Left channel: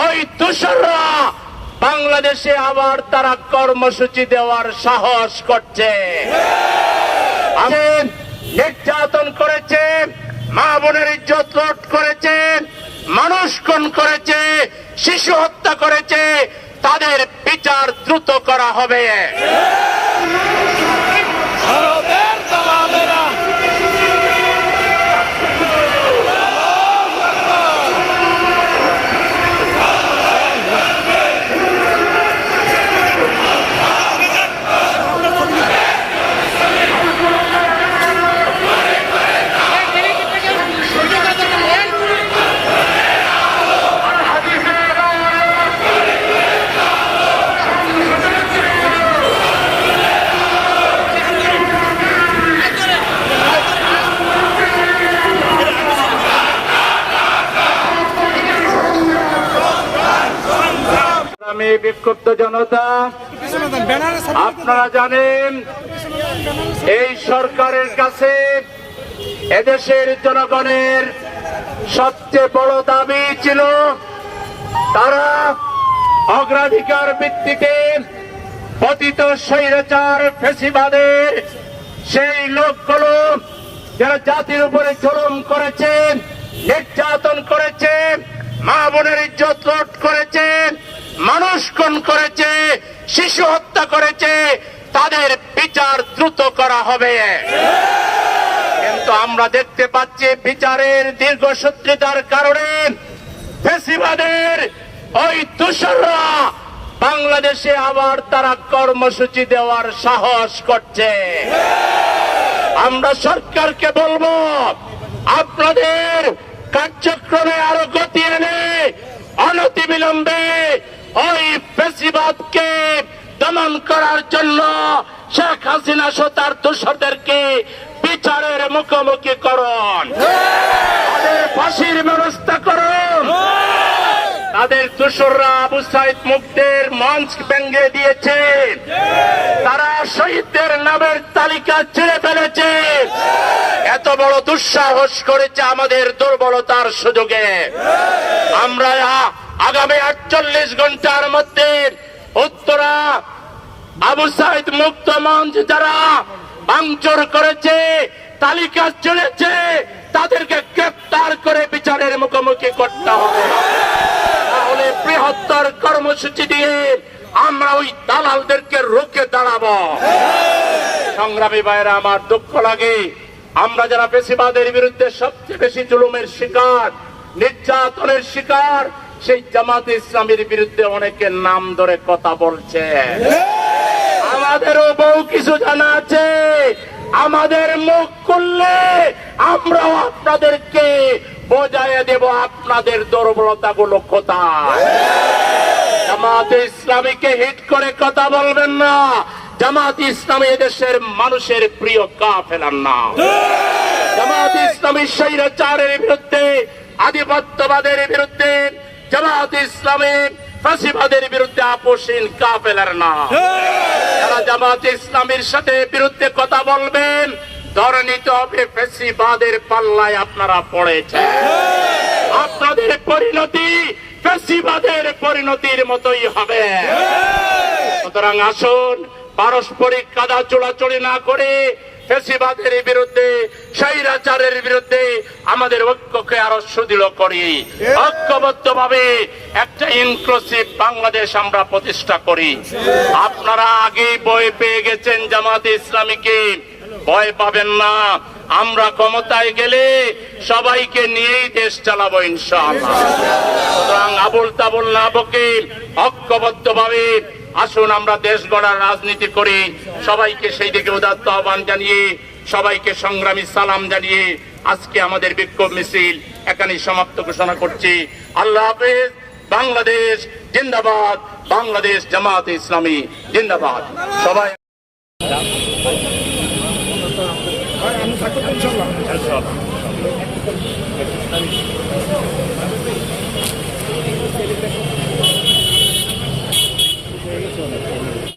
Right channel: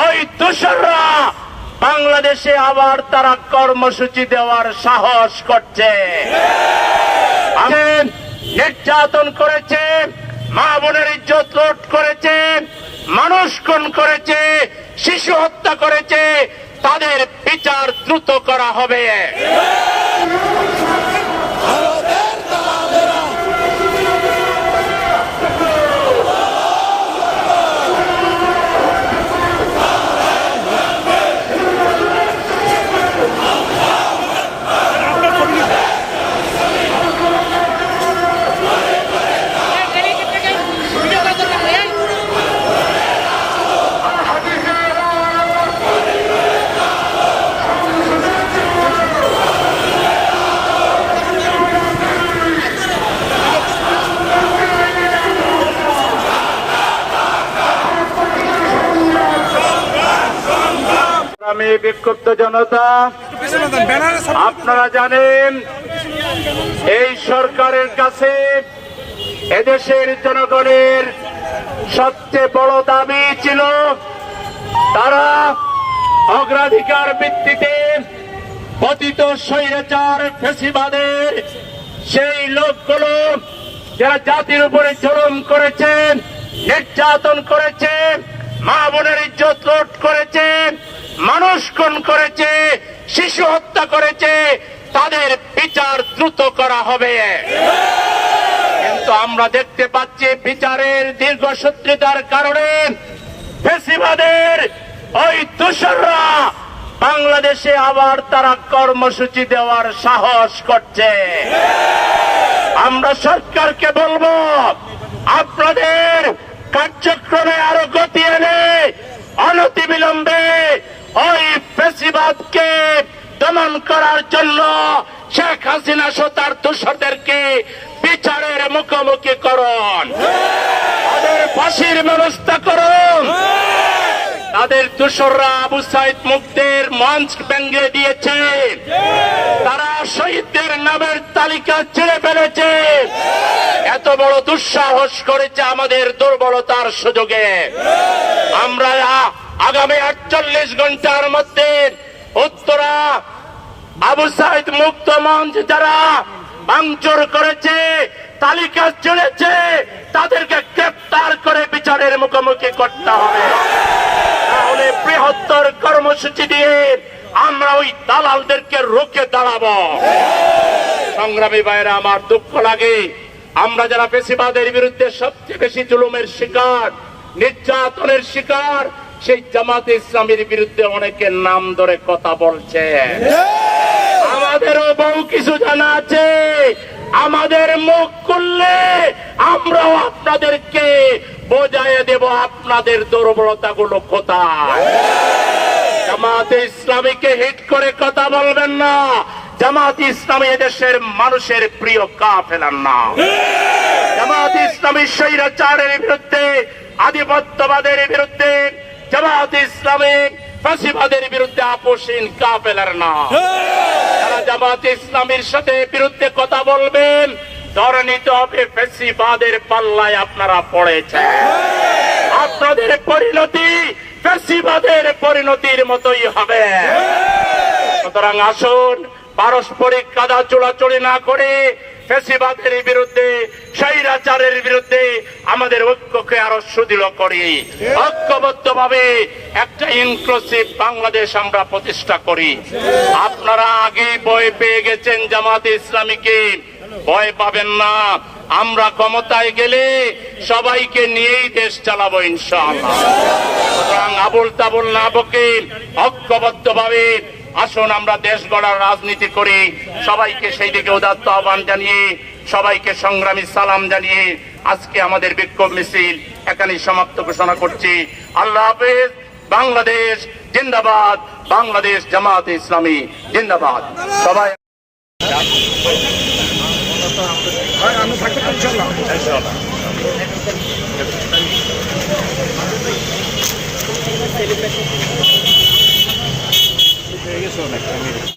ওই দোসররা বাংলাদেশে আবার তারা কর্মসূচি দেওয়ার সাহস করছে। আছেন, নির্যাতন করেছে মা বোনের ইজ্জত লুট করেছে মানুষ খুন করেছে শিশু হত্যা করেছে তাদের বিচার দ্রুত করা হবে। বিক্ষুব্ধ জনতা, আপনারা জানেন, এই সরকারের কাছে এদেশের জনগণের সবচেয়ে বড় দাবি ছিল, তারা অগ্রাধিকার ভিত্তিতে পতিত স্বৈরাচার ফেসিবাদের সেই লোকগুলো যারা জাতির উপরে জুলুম করেছেন নির্যাতন করেছে মা বোনের ইজ্জত লুট করেছে, মানুষ খুন করেছে, শিশু হত্যা করেছে, তাদের বিচার দ্রুত করা হবে। কিন্তু আমরা দেখতে পাচ্ছি বিচারের দীর্ঘসূত্রিতার কারণে ফেসিবাদের ওই দোসররা বাংলাদেশে আবার তারা কর্মসূচি দেওয়ার সাহস করছে। আমরা সরকারকে বলব, আপনাদের কার্যক্রমে আরও গতি এনে অনতিবিলম্বে ওই ফেসিবাদকে দমন করার জন্য শেখ হাসিনা সহ তার দোষরদেরকে বিচারের মুখোমুখি করুন। ফাঁসির ব্যবস্থা করুন। তাদের দোসররা আবু সাইদ মুক্তের মঞ্চ ভেঙে দিয়েছে। তারা শহীদদের নামের তালিকা ছেড়ে ফেলেছে। বড় দুঃসাহস করেছে আমাদের দুর্বলতার সুযোগে। আমরা আগামী আটচল্লিশ ঘণ্টার মধ্যে উত্তরা আবু সাইদ মুক্ত মঞ্চ যারা ভাঙচুর করেছে, তালিকা চলেছে তাদেরকে গ্রেপ্তার করে বিচারের মুখোমুখি করতে হবে। তাহলে বৃহত্তর কর্মসূচি দিয়ে আমরা ওই দালালদেরকে রুখে দাঁড়াবো। সংগ্রামী ভাইরা আমার দুঃখ লাগে আমরা যারা পেশিবাদের বিরুদ্ধে সবচেয়ে বেশি জুলুমের শিকার, নির্যাতনের শিকার, সেই জামাত ইসলামের বিরুদ্ধে অনেকে নাম ধরে কথা বলছে। আমাদেরও বহু কিছু জানা আছে। আমাদের মুখ খুললে আমরাও আপনাদেরকে বোঝাই দেব আপনাদের দুর্বলতা গুলো কোথায়। জামাতে ইসলামীকে হিট করে কথা বলবেন না। জামাত ইসলামী এদেশের মানুষের প্রিয় কা ফেলান না জামাত ইসলামী স্বৈরাচারের বিরুদ্ধে আধিপত্যবাদের বিরুদ্ধে জামাত ইসলামী ফাঁসিবাদের বিরুদ্ধে আপোষহীন কা ফেলার না যারা জামাত ইসলামীর সাথে বিরুদ্ধে কথা বলবেন ধরে নিতে হবে ফেসিবাদের পাল্লায় আপনারা পড়েছেন। আপনাদের পরিণতি ফেসিবাদের পরিণতির মতোই হবে। সুতরাং আসুন পারস্পরিক কাদা চোড়াচড়ি না করে ফেসিবাদের বিরুদ্ধে, স্বৈরাচারের বিরুদ্ধে আমাদের ঐক্যকে আরও সুদৃঢ় করি। ঐক্যবদ্ধ ভাবে একটা ইনক্লুসিভ বাংলাদেশ আমরা প্রতিষ্ঠা করি। আপনারা আগে বই পেয়ে গেছেন জামাতে ইসলামীকে। ভয় পাবেন না। আমরা ক্ষমতায় গেলে সবাইকে নিয়েই দেশ চালাবো সুতরাং আবুল তাবুল না বকে ঐক্যবদ্ধ ভাবে আসুন আমরা দেশ গড়ার রাজনীতি করি। সবাইকে সেই দিকে উদাত্ত আহ্বান জানিয়ে সবাইকে সংগ্রামী সালাম জানিয়ে আজকে আমাদের বিক্ষোভ মিছিল এখানেই সমাপ্ত ঘোষণা করছি। আল্লাহ হাফেজ বাংলাদেশ জিন্দাবাদ বাংলাদেশ জামাত ইসলামী জিন্দাবাদ। সবাই আমি থাকব তো ইনশাল্লাহ। persona, extranjera.